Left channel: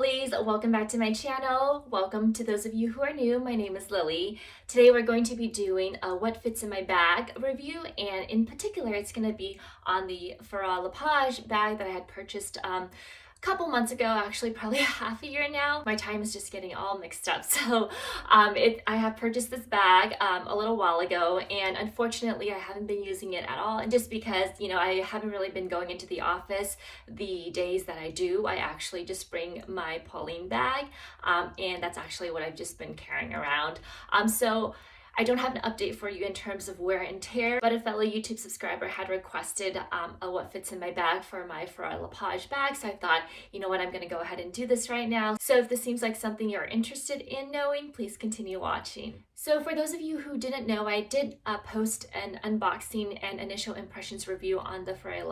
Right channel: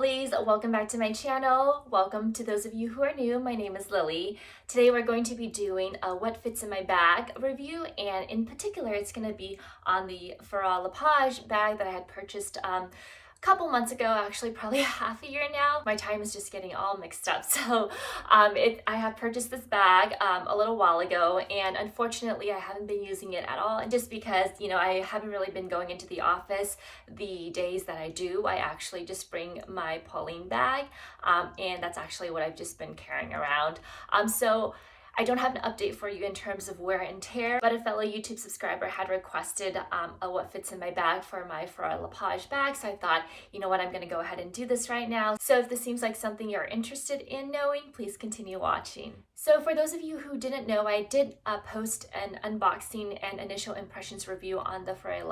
lovelies, welcome back to my channel. Welcome to those of you who are new. My name is Lily. Today we're going to be doing a what fits in my bag review, and in particular it's going to be on the Fauré bag that I had purchased a couple months ago, actually probably half a year now. My time is just getting all mixed up. So I have purchased this bag a little while ago, and unfortunately I haven't been using it at all. And just because, you know, I haven't really been going into the office the days that I do, I actually just bring my Pauline bag, and that's actually what I've just been carrying around. So I don't have an update for you in terms of wear and tear, but a fellow YouTube subscriber had requested a what fits in my bag for my Fauré bag, so I thought, you know what, I'm going to go ahead and do this right now. So if this seems like something you're interested in knowing, please continue watching. So for those of you who didn't know, I did post an unboxing and initial impressions review on the Fauré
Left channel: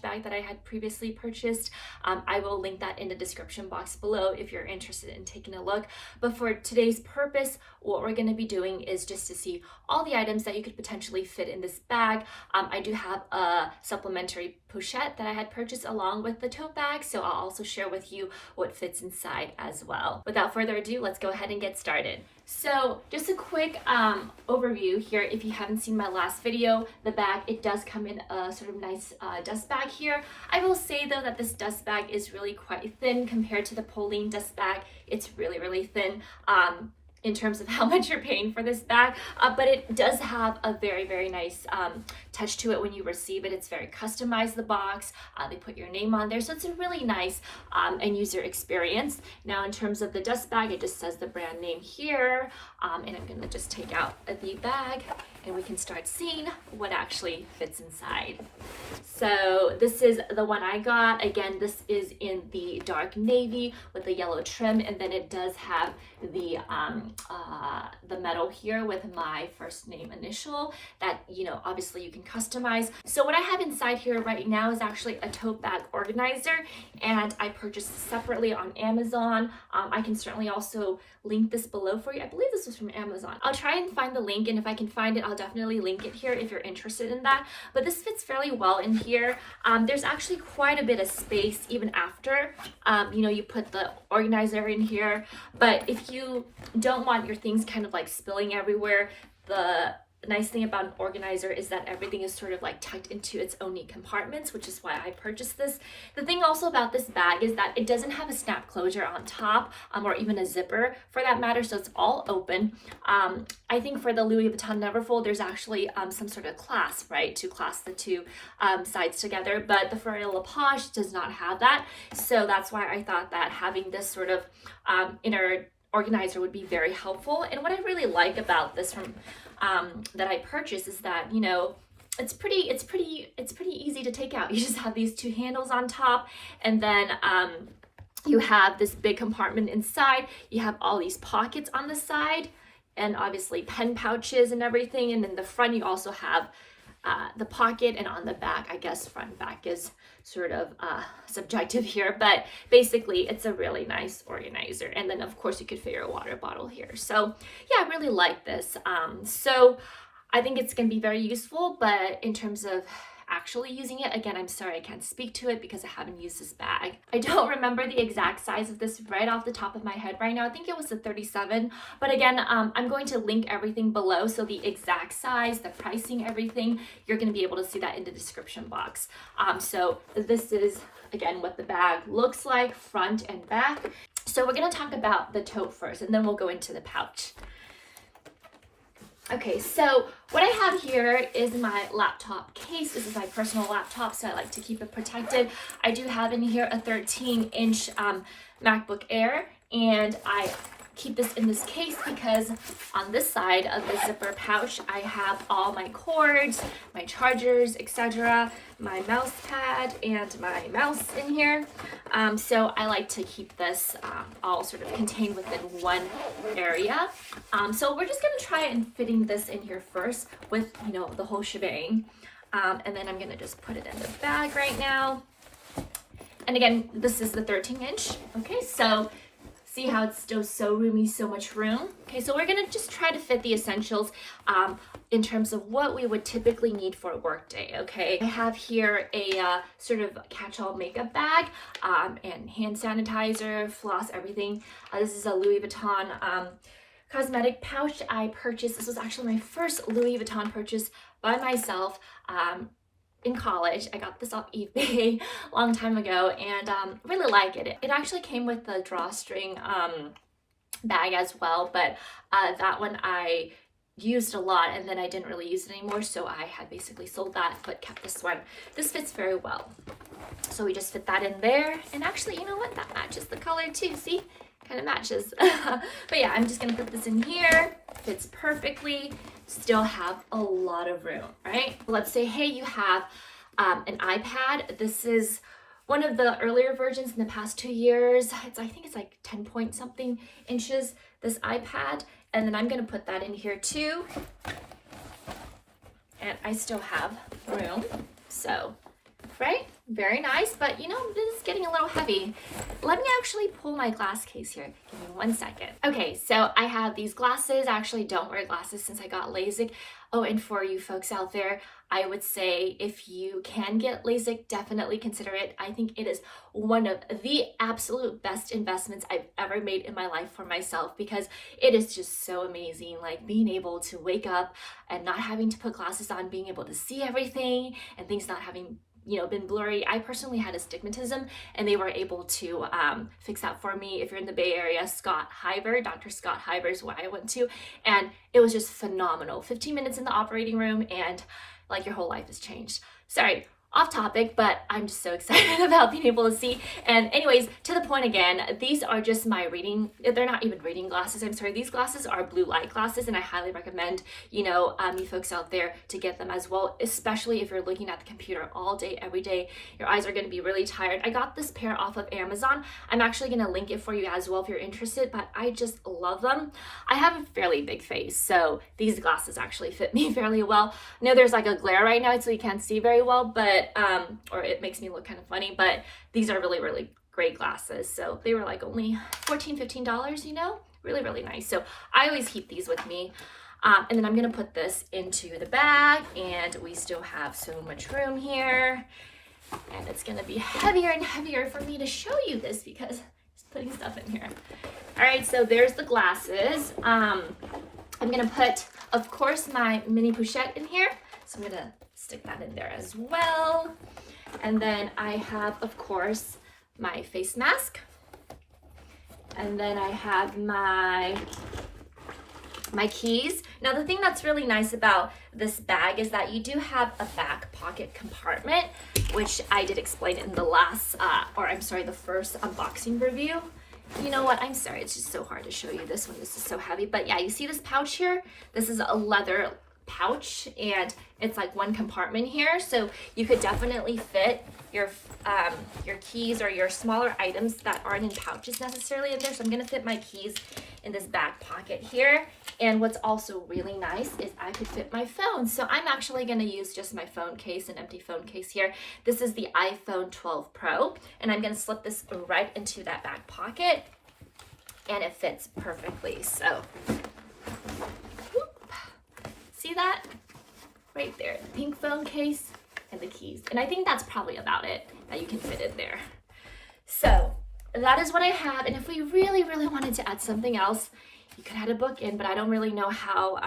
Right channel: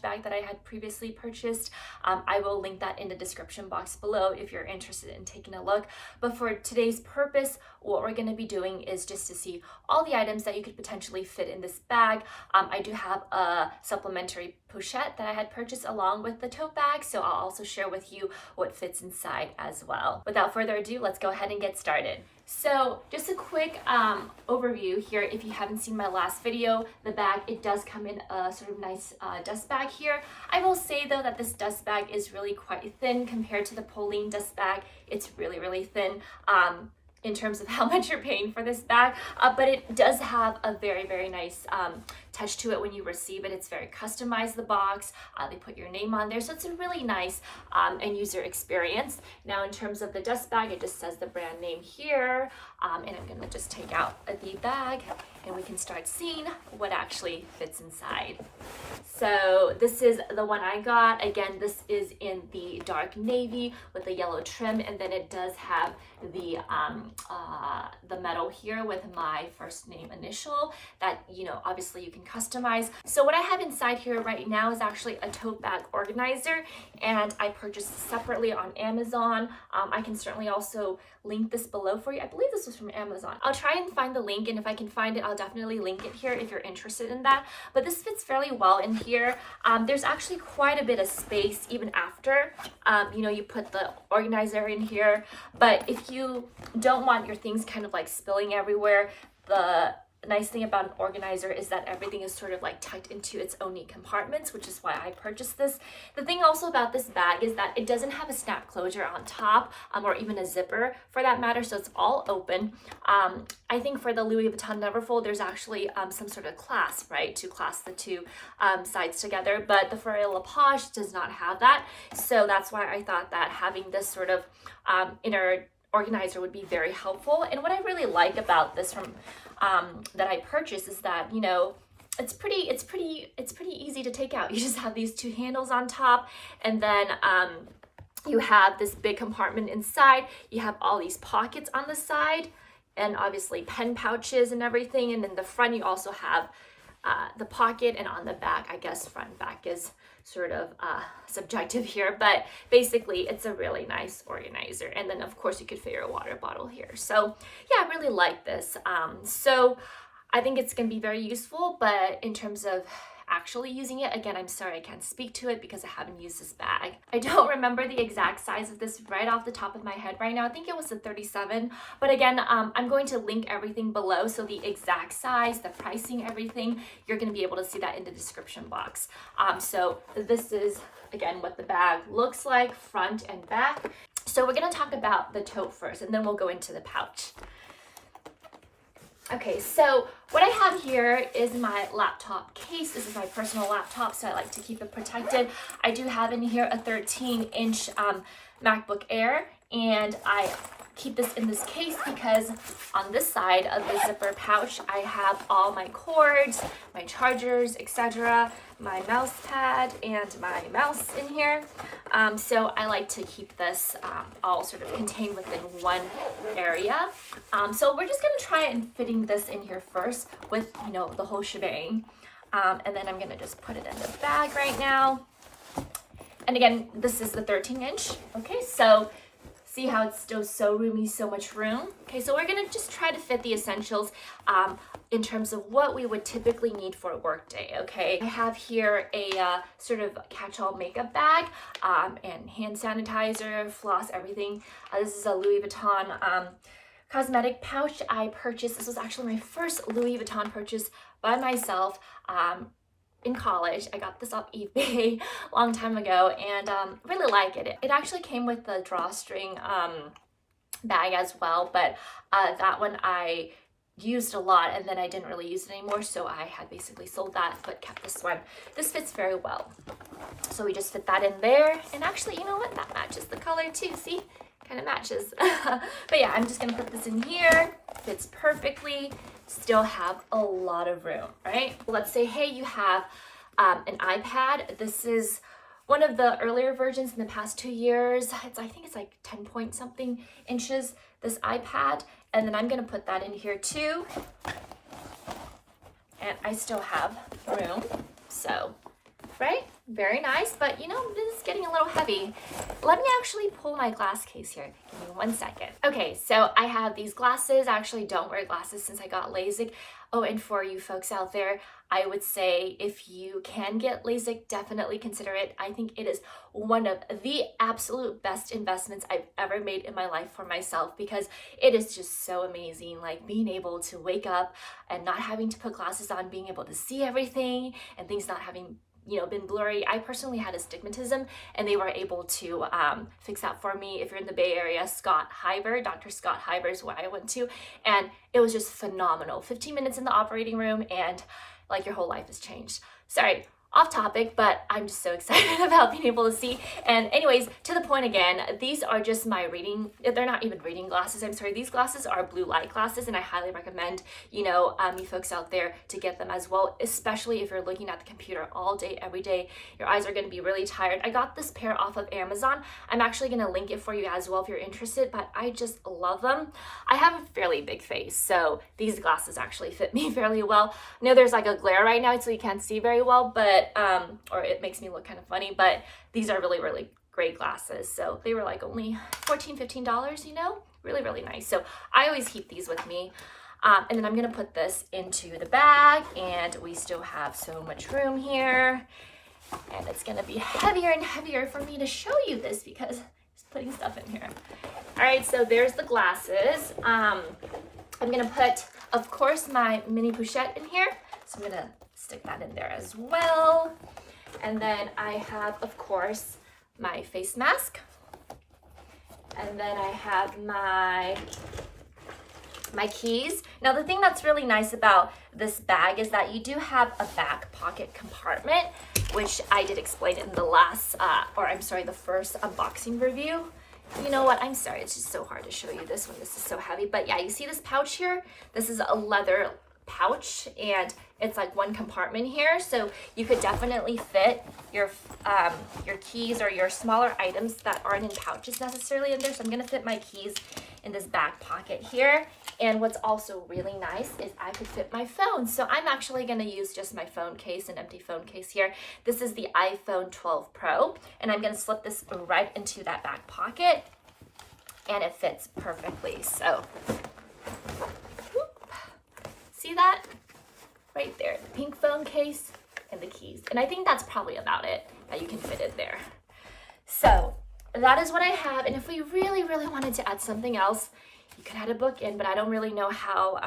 bag that I had previously purchased. I will link that in the description box below if you're interested in taking a look. But for today's purpose, what we're going to be doing is just to see all the items that you could potentially fit in this bag. I do have a supplementary pochette that I had purchased along with the tote bag, so I'll also share with you what fits inside as well. Without further ado, let's go ahead and get started. So just a quick overview here. If you haven't seen my last video, the bag, it does come in a sort of nice dust bag here. I will say though that this dust bag is really quite thin compared to the Pauline dust bag. It's really thin in terms of how much you're paying for this bag, but it does have a very nice touch to it when you receive it. It's very customized, the box. They put your name on there, so it's a really nice end user experience. Now in terms of the dust bag, it just says the brand name here, and I'm gonna just take out the bag and we can start seeing what actually fits inside. So this is the one I got. Again, this is in the dark navy with the yellow trim, and then it does have the metal here with my first name initial that, you know, obviously you can customize. So what I have inside here right now is actually a tote bag organizer, and I purchased this separately on Amazon. I can certainly also link this below for you. I believe this was from Amazon. I'll try and find the link, and if I can find it, I'll definitely link it here if you're interested in that. But this fits fairly well in here. There's actually quite a bit of space even after, you know, you put the organizer in here. But if you don't want your things kind of like spilling everywhere, the nice thing about an organizer is that everything is sort of like tucked into its own neat compartments, which is why I purchased this. The thing also about this bag is that it doesn't have a snap closure on top, or even a zipper for that matter, so it's all open. I think for the Louis Vuitton Neverfull, there's actually some sort of clasp, right, to clasp the two sides together, but the Fauré does not have that, so that's why I thought that having this sort of inner organizer would be very helpful. And what I really like about this from that I purchased is that, you know, it's pretty easy to take out. You just have these two handles on top, and then you have this big compartment inside. You have all these pockets on the side, and obviously pen pouches and everything. And then the front, you also have the pocket, and on the back, I guess front and back is sort of subjective here, but basically it's a really nice organizer. And then of course you could fit your water bottle here. So yeah, I really like this. So I think it's gonna be very useful, but in terms of actually using it, again, I'm sorry I can't speak to it because I haven't used this bag. I don't remember the exact size of this right off the top of my head right now. I think it was a 37, but again, I'm going to link everything below, so the exact size, the pricing, everything, you're going to be able to see that in the description box. So this is, again, what the bag looks like, front and back. So we're going to talk about the tote first, and then we'll go into the pouch. Okay, so what I have here is my laptop case. This is my personal laptop, so I like to keep it protected. I do have in here a 13-inch MacBook Air, and I keep this in this case because on this side of the zipper pouch, I have all my cords, my chargers, etc., my mouse pad, and my mouse in here. So I like to keep this all sort of contained within one area. So we're just gonna try and fitting this in here first with, you know, the whole shebang. And then I'm gonna just put it in the bag right now. And again, this is the 13-inch. Okay, so See how it's still so roomy, so much room? Okay, so we're gonna just try to fit the essentials in terms of what we would typically need for a work day, okay? I have here a sort of catch-all makeup bag and hand sanitizer, floss, everything. This is a Louis Vuitton cosmetic pouch I purchased. This was actually my first Louis Vuitton purchase by myself in college. I got this off eBay a long time ago and really like it. It actually came with the drawstring bag as well, but that one I used a lot and then I didn't really use it anymore, so I had basically sold that but kept this one. This fits very well. So we just fit that in there, and actually, you know what, that matches the color too, see? Kind of matches. But yeah, I'm just gonna put this in here. Fits perfectly. Still have a lot of room, right? Let's say, hey, you have an iPad. This is one of the earlier versions in the past 2 years. I think it's like 10 point something inches, this iPad. And then I'm gonna put that in here too. And I still have room, so, right? Very nice, but you know, this is getting a little heavy. Let me actually pull my glass case here. Give me 1 second. Okay, so I have these glasses. I actually don't wear glasses since I got LASIK. Oh, and for you folks out there, I would say if you can get LASIK, definitely consider it. I think it is one of the absolute best investments I've ever made in my life for myself, because it is just so amazing. Like being able to wake up and not having to put glasses on, being able to see everything and things not having, you know, been blurry. I personally had astigmatism and they were able to fix that for me. If you're in the Bay Area, Dr. Scott Hyber is where I went to, and it was just phenomenal. 15 minutes in the operating room and like your whole life has changed. Sorry, off topic, but I'm just so excited about being able to see. And anyways, to the point again, these are just my reading, they're not even reading glasses, I'm sorry. These glasses are blue light glasses, and I highly recommend, you know, you folks out there to get them as well, especially if you're looking at the computer all day, every day. Your eyes are gonna be really tired. I got this pair off of Amazon. I'm actually gonna link it for you as well if you're interested, but I just love them. I have a fairly big face, so these glasses actually fit me fairly well. I know there's like a glare right now, so you can't see very well, but or it makes me look kind of funny, but these are really, really great glasses. So they were like only $14, $15, you know, really, really nice. So I always keep these with me. And then I'm gonna put this into the bag, and we still have so much room here. And it's gonna be heavier and heavier for me to show you this because just putting stuff in here. All right, so there's the glasses. I'm gonna put, of course, my mini Pochette in here. So I'm gonna stick that in there as well. And then I have, of course, my face mask. And then I have my keys. Now the thing that's really nice about this bag is that you do have a back pocket compartment, which I did explain in the last, the first unboxing review. You know what, I'm sorry, it's just so hard to show you this one. This is so heavy, but yeah, you see this pouch here? This is a leather pouch, and it's like one compartment here, so you could definitely fit your keys or your smaller items that aren't in pouches necessarily in there. So I'm gonna fit my keys in this back pocket here. And what's also really nice is I could fit my phone. So I'm actually gonna use just my phone case, an empty phone case here. This is the iPhone 12 Pro, and I'm gonna slip this right into that back pocket, and it fits perfectly. So see that? Right there, the pink phone case and the keys. And I think that's probably about it that you can fit in there. So that is what I have. And if we really, really wanted to add something else, you could add a book in, but I don't really know how,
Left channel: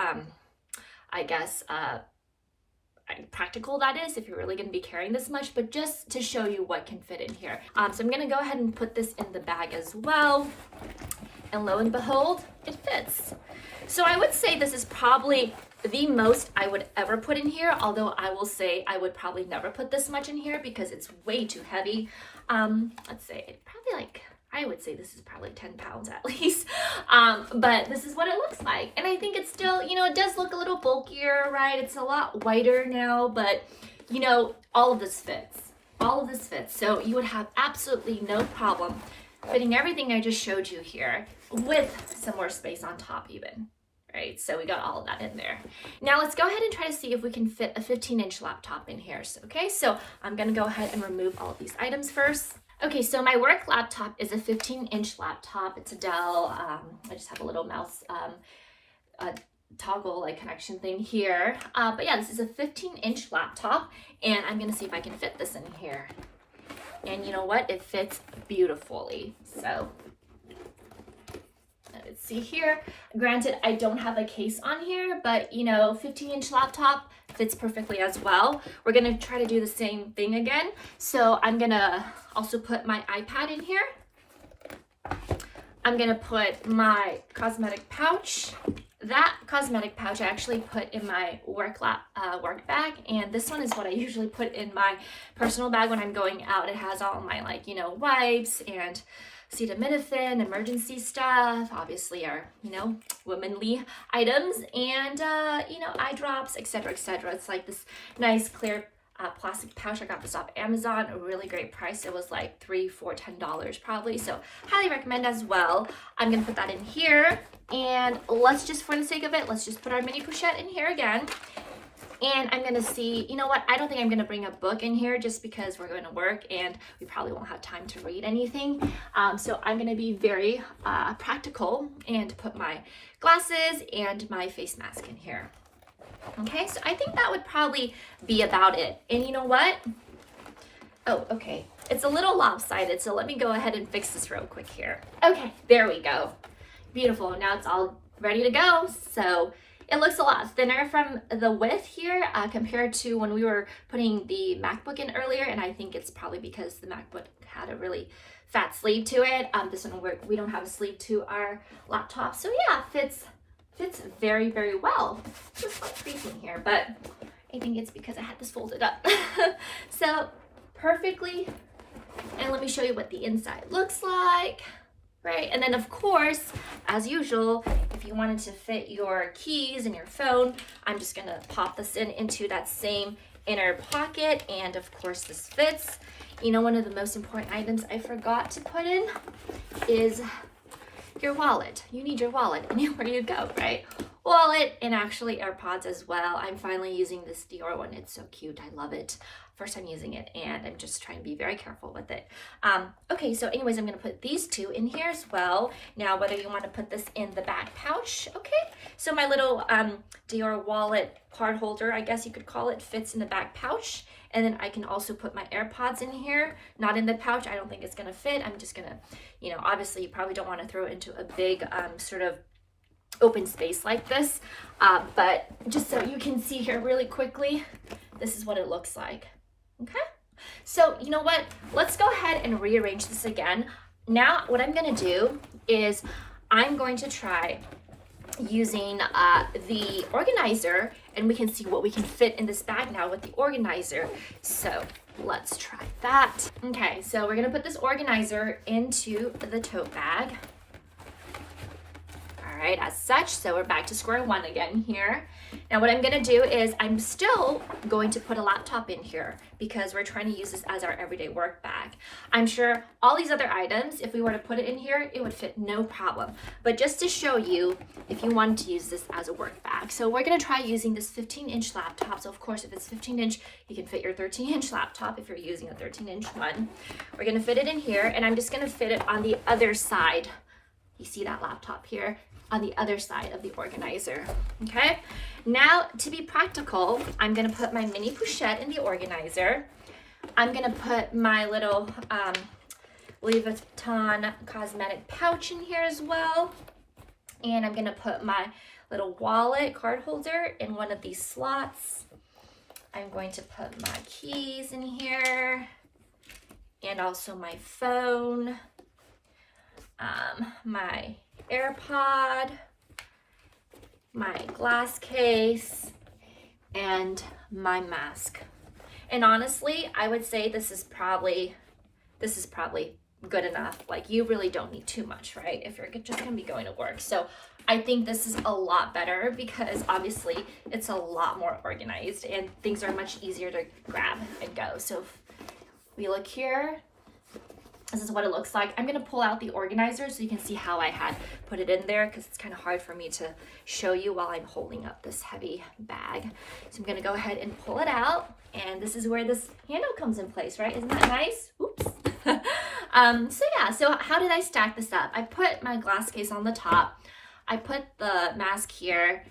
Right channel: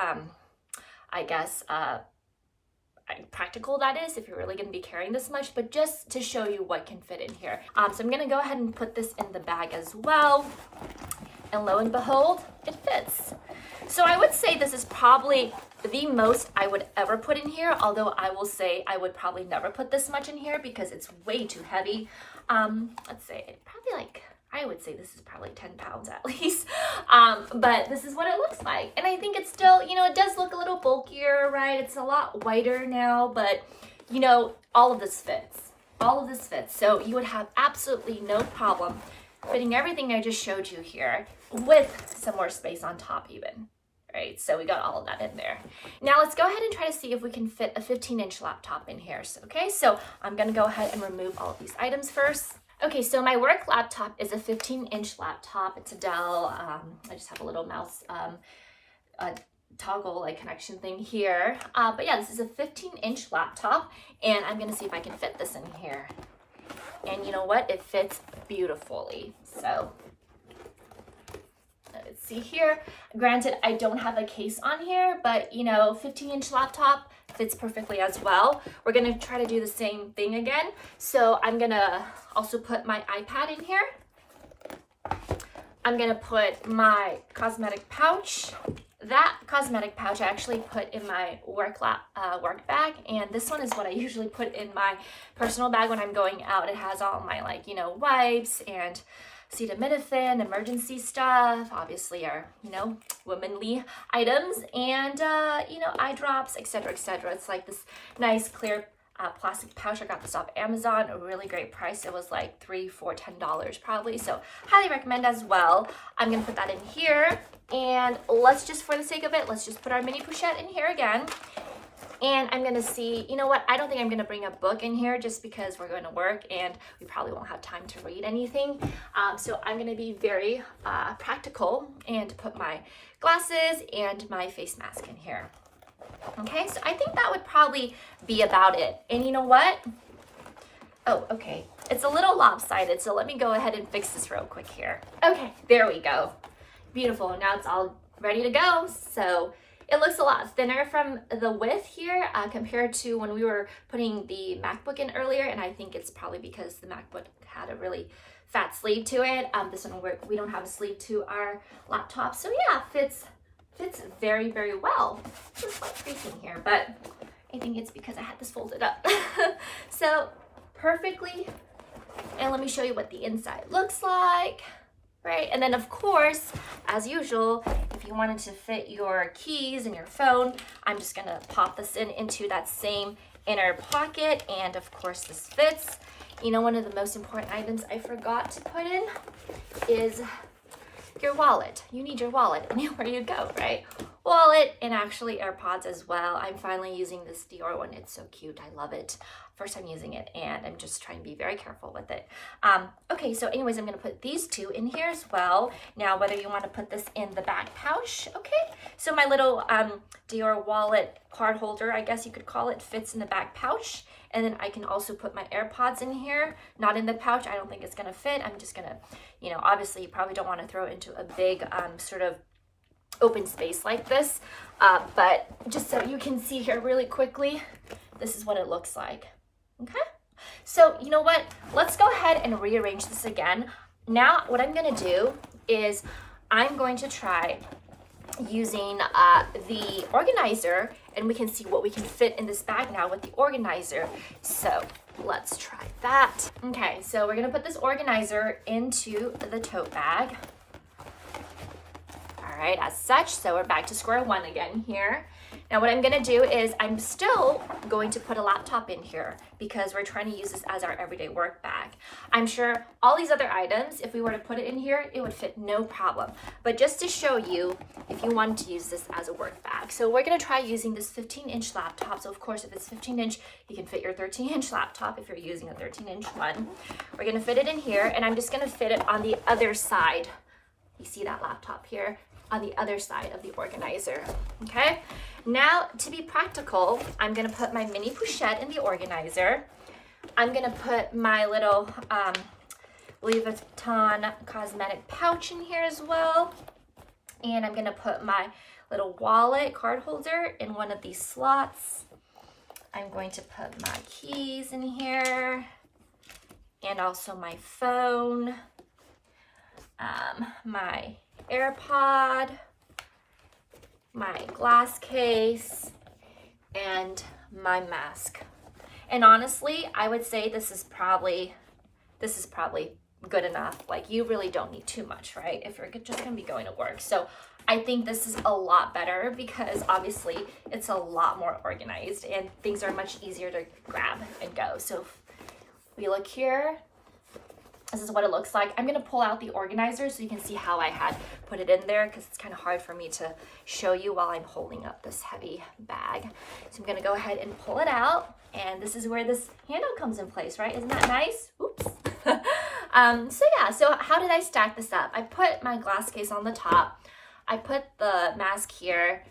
practical that is if you're really gonna be carrying this much, but just to show you what can fit in here. So I'm gonna go ahead and put this in the bag as well. And lo and behold, it fits. So I would say this is probably the most I would ever put in here, although I will say I would probably never put this much in here because it's way too heavy. Let's say I would say this is probably 10 pounds at least. But this is what it looks like. And I think it's still, you know, it does look a little bulkier, right? It's a lot whiter now, but you know, all of this fits. All of this fits. So you would have absolutely no problem fitting everything I just showed you here with some more space on top even. Right, so we got all of that in there. Now let's go ahead and try to see if we can fit a 15-inch laptop in here. So, okay, so I'm gonna go ahead and remove all of these items first. Okay, so my work laptop is a 15-inch laptop. It's a Dell. I just have a little mouse toggle like connection thing here. But yeah, this is a 15-inch laptop, and I'm gonna see if I can fit this in here. And you know what? It fits beautifully. So let's see here. Granted, I don't have a case on here, but you know, 15-inch laptop fits perfectly as well. We're gonna try to do the same thing again. So I'm gonna also put my iPad in here. I'm gonna put my cosmetic pouch. That cosmetic pouch I actually put in my work bag, and this one is what I usually put in my personal bag when I'm going out. It has all my, like, you know, wipes and acetaminophen, emergency stuff, obviously our, you know, womanly items, and you know, eye drops, etc., etc. It's like this nice clear plastic pouch. I got this off Amazon, a really great price. It was like $3, $4, $10 probably, so highly recommend as well. I'm gonna put that in here, and let's just, for the sake of it, let's just put our mini pochette in here again. And I'm gonna see, you know what, I don't think I'm gonna bring a book in here just because we're going to work and we probably won't have time to read anything. So I'm gonna be very practical and put my glasses and my face mask in here. Okay, so I think that would probably be about it. And you know what? Oh, okay, it's a little lopsided, so let me go ahead and fix this real quick here. Okay, there we go. Beautiful, now it's all ready to go. So it looks a lot thinner from the width here compared to when we were putting the MacBook in earlier, and I think it's probably because the MacBook had a really fat sleeve to it. This one, we don't have a sleeve to our laptop, so yeah, fits very, very well. It's quite creasing here, but I think it's because I had this folded up. So perfectly, and let me show you what the inside looks like. Right, and then of course, as usual, if you wanted to fit your keys and your phone, I'm just gonna pop this into that same inner pocket, and of course this fits. You know, one of the most important items I forgot to put in is your wallet. You need your wallet anywhere you go, right? Wallet, and actually AirPods as well. I'm finally using this Dior one. It's so cute. I love it. First time using it, and I'm just trying to be very careful with it. Okay, so anyways, I'm gonna put these two in here as well. Now, whether you want to put this in the back pouch, okay? So my little Dior wallet card holder, I guess you could call it, fits in the back pouch. And then I can also put my AirPods in here, not in the pouch. I don't think it's gonna fit. I'm just gonna, you know, obviously you probably don't want to throw it into a big sort of open space like this, but just so you can see here really quickly, this is what it looks like. Okay, so you know what, let's go ahead and rearrange this again. Now what I'm gonna do is I'm going to try using the organizer, and we can see what we can fit in this bag now with the organizer. So let's try that. Okay, so we're gonna put this organizer into the tote bag. All right, as such, so we're back to square one again here. Now what I'm gonna do is I'm still going to put a laptop in here because we're trying to use this as our everyday work bag. I'm sure all these other items, if we were to put it in here, it would fit no problem. But just to show you, if you wanted to use this as a work bag. So we're gonna try using this 15-inch laptop. So of course, if it's 15-inch, you can fit your 13-inch laptop if you're using a 13-inch one. We're gonna fit it in here, and I'm just gonna fit it on the other side. You see that laptop here? On the other side of the organizer, okay? Now, to be practical, I'm gonna put my mini pochette in the organizer. I'm gonna put my little Louis Vuitton cosmetic pouch in here as well. And I'm gonna put my little wallet card holder in one of these slots. I'm going to put my keys in here, and also my phone, my AirPod, my glass case, and my mask. And honestly, I would say this is probably good enough. Like, you really don't need too much, right? If you're just gonna be going to work. So I think this is a lot better because obviously it's a lot more organized and things are much easier to grab and go. So if we look here, this is what it looks like. I'm gonna pull out the organizer so you can see how I had put it in there, because it's kind of hard for me to show you while I'm holding up this heavy bag. So I'm gonna go ahead and pull it out, and this is where this handle comes in place, right? Isn't that nice? Oops. So yeah, so how did I stack this up? I put my glass case on the top. I put the mask here,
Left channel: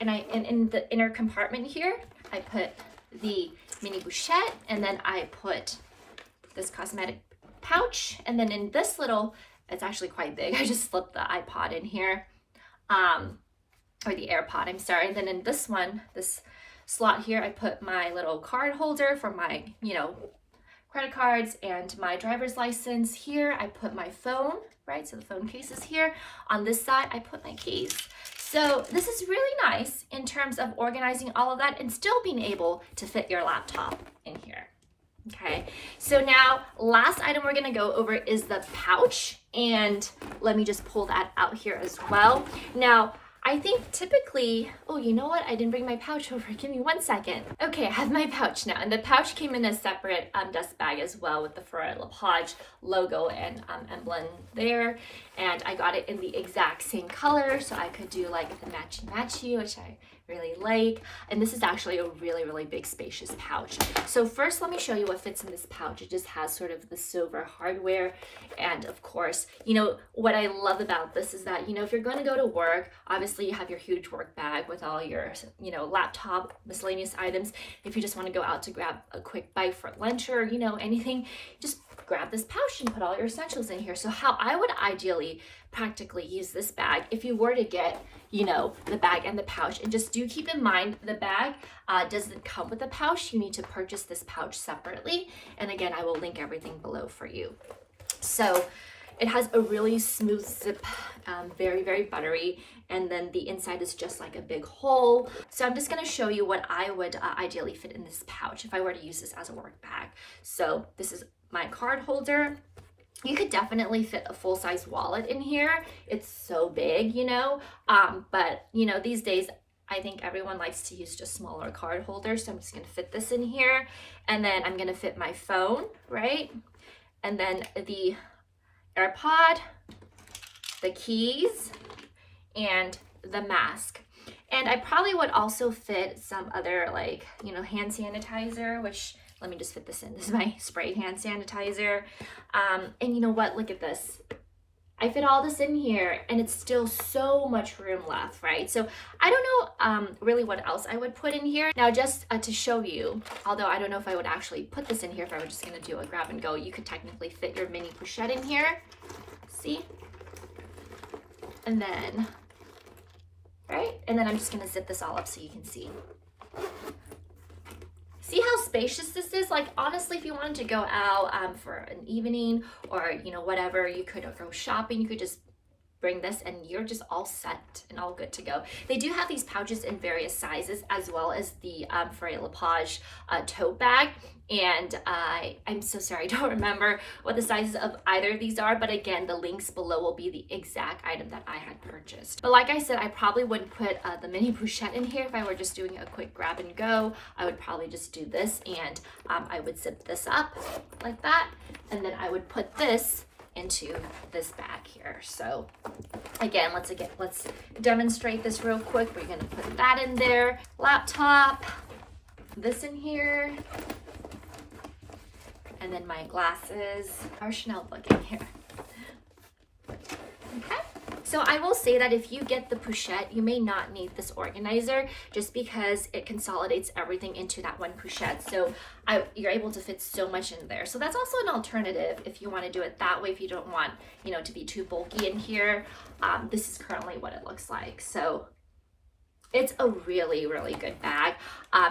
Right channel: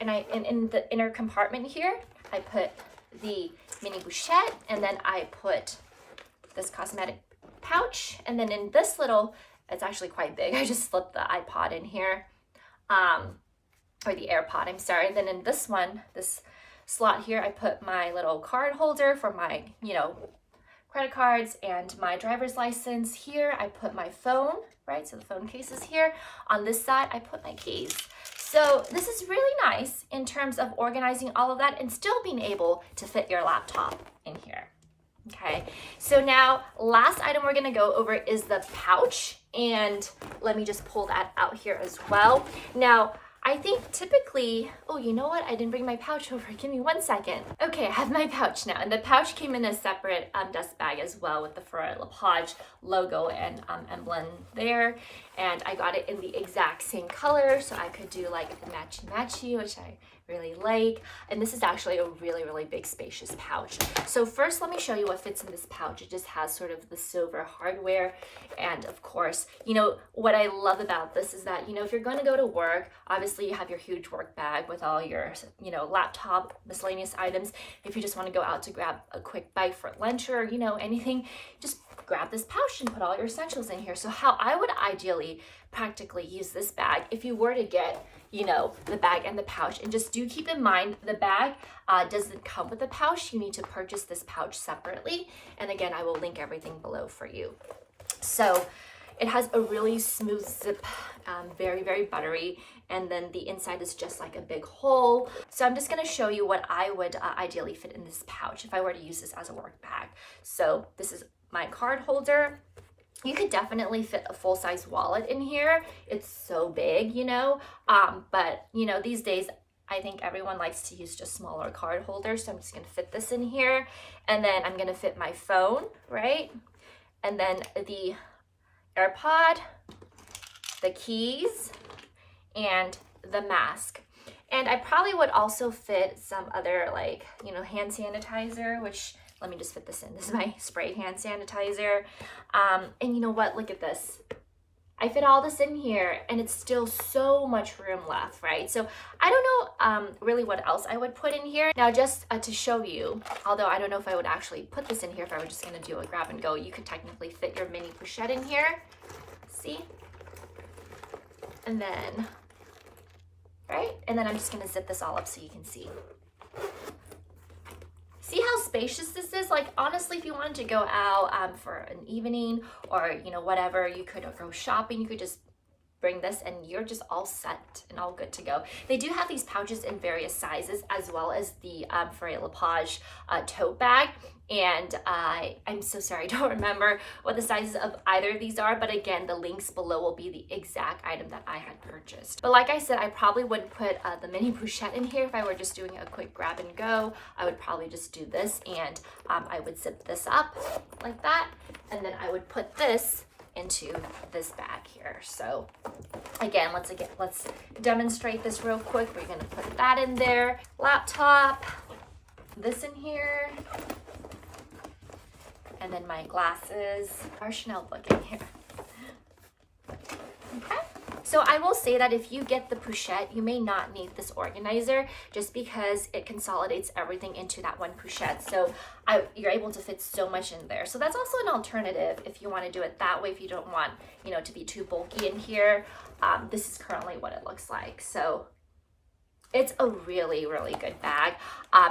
and in the inner compartment here, I put the mini Pochette, and then I put this cosmetic pouch, and then in this little, it's actually quite big. I just slipped the iPod in here, or the AirPod, I'm sorry. Then in this one, this slot here, I put my little card holder for my, credit cards and my driver's license. Here, I put my phone, right? So the phone case is here. On this side, I put my keys. So this is really nice in terms of organizing all of that and still being able to fit your laptop in here. Okay, so now last item we're gonna go over is the pouch, and let me just pull that out here as well. Now, I think typically, oh, you know what? I didn't bring my pouch over. Give me 1 second. Okay, I have my pouch now, and the pouch came in a separate dust bag as well with the Fauré logo and emblem there, and I got it in the exact same color, so I could do like the matchy, which I really like. And this is actually a really, really big, spacious pouch. So first, let me show you what fits in this pouch. It just has sort of the silver hardware, and of course, what I love about this is that, if you're going to go to work, obviously you have your huge work bag with all your, laptop, miscellaneous items. If you just want to go out to grab a quick bite for lunch or, anything, just grab this pouch and put all your essentials in here. So how I would ideally practically use this bag, if you were to get, the bag and the pouch, and just do keep in mind the bag doesn't come with the pouch. You need to purchase this pouch separately. And again, I will link everything below for you. So it has a really smooth zip, very, very buttery. And then the inside is just like a big hole. So I'm just gonna show you what I would ideally fit in this pouch if I were to use this as a work bag. So this is my card holder. You could definitely fit a full-size wallet in here. It's so big, but these days, I think everyone likes to use just smaller card holders. So I'm just gonna fit this in here. And then I'm gonna fit my phone, right? And then the AirPod, the keys, and the mask. And I probably would also fit some other hand sanitizer, which, let me just fit this in. This is my sprayed hand sanitizer. And you know what? Look at this. I fit all this in here, and it's still so much room left, right? So I don't know really what else I would put in here. Now, just to show you, although I don't know if I would actually put this in here if I were just gonna do a grab and go, you could technically fit your mini Pochette in here. See? And then, right? And then I'm just gonna zip this all up so you can see. See how spacious this is? Like, honestly, if you wanted to go out for an evening or, whatever, you could go shopping, you could just bring this and you're just all set and all good to go. They do have these pouches in various sizes, as well as the Fauré tote bag. And I'm so sorry, I don't remember what the sizes of either of these are, but again, the links below will be the exact item that I had purchased. But like I said, I probably wouldn't put the mini Pochette in here if I were just doing a quick grab and go. I would probably just do this, and I would zip this up like that, and then I would put this into this bag here. So again, let's demonstrate this real quick. We're gonna put that in there, laptop, this in here, and then my glasses, our Chanel book in here. Okay, so I will say that if you get the Pochette, you may not need this organizer just because it consolidates everything into that one Pochette. So you're able to fit so much in there. So that's also an alternative if you want to do it that way, if you don't want, to be too bulky in here. This is currently what it looks like. So it's a really, really good bag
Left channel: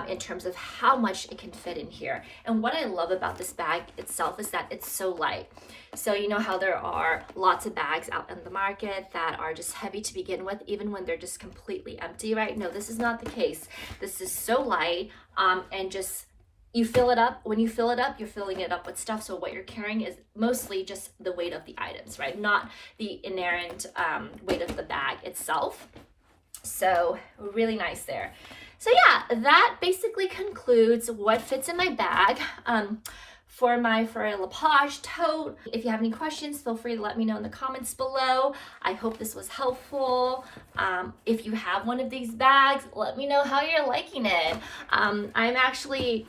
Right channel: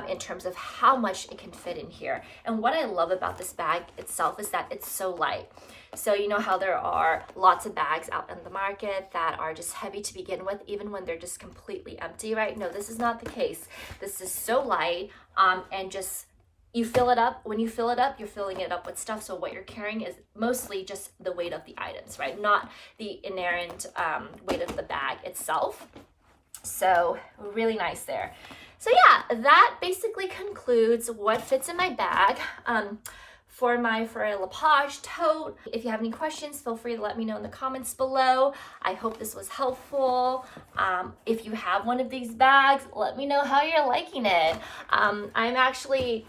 in terms of how much it can fit in here. And what I love about this bag itself is that it's so light. So you know how there are lots of bags out in the market that are just heavy to begin with, even when they're just completely empty, right? No, this is not the case. This is so light, and just you fill it up. When you fill it up, you're filling it up with stuff. So what you're carrying is mostly just the weight of the items, right? Not the inherent weight of the bag itself. So really nice there. So yeah, that basically concludes what fits in my bag for my Fauré tote. If you have any questions, feel free to let me know in the comments below. I hope this was helpful. If you have one of these bags, let me know how you're liking it. I'm actually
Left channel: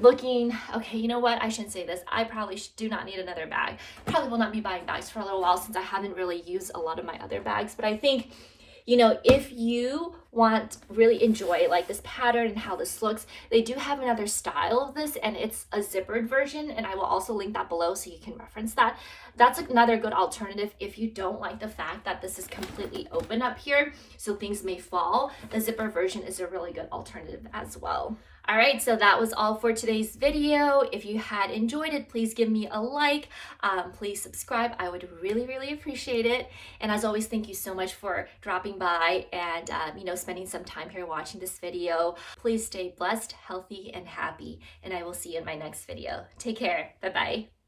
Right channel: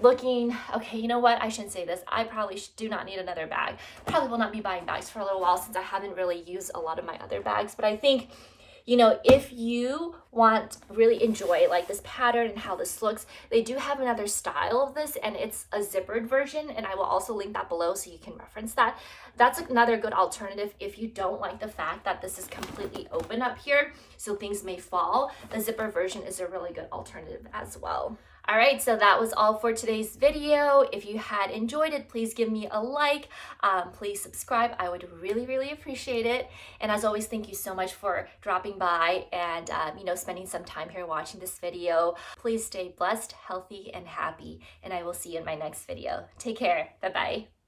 looking, okay, you know what? I shouldn't say this. I probably do not need another bag. Probably will not be buying bags for a little while since I haven't really used a lot of my other bags. But I think, you know, if you want really enjoy like this pattern and how this looks, they do have another style of this, and it's a zippered version, and I will also link that below so you can reference that. That's another good alternative if you don't like the fact that this is completely open up here, so things may fall. The zipper version is a really good alternative as well. All right, so that was all for today's video. If you had enjoyed it, please give me a like. Please subscribe. I would really, really appreciate it. And as always, thank you so much for dropping by and you know, spending some time here watching this video. Please stay blessed, healthy, and happy. And I will see you in my next video. Take care. Bye-bye.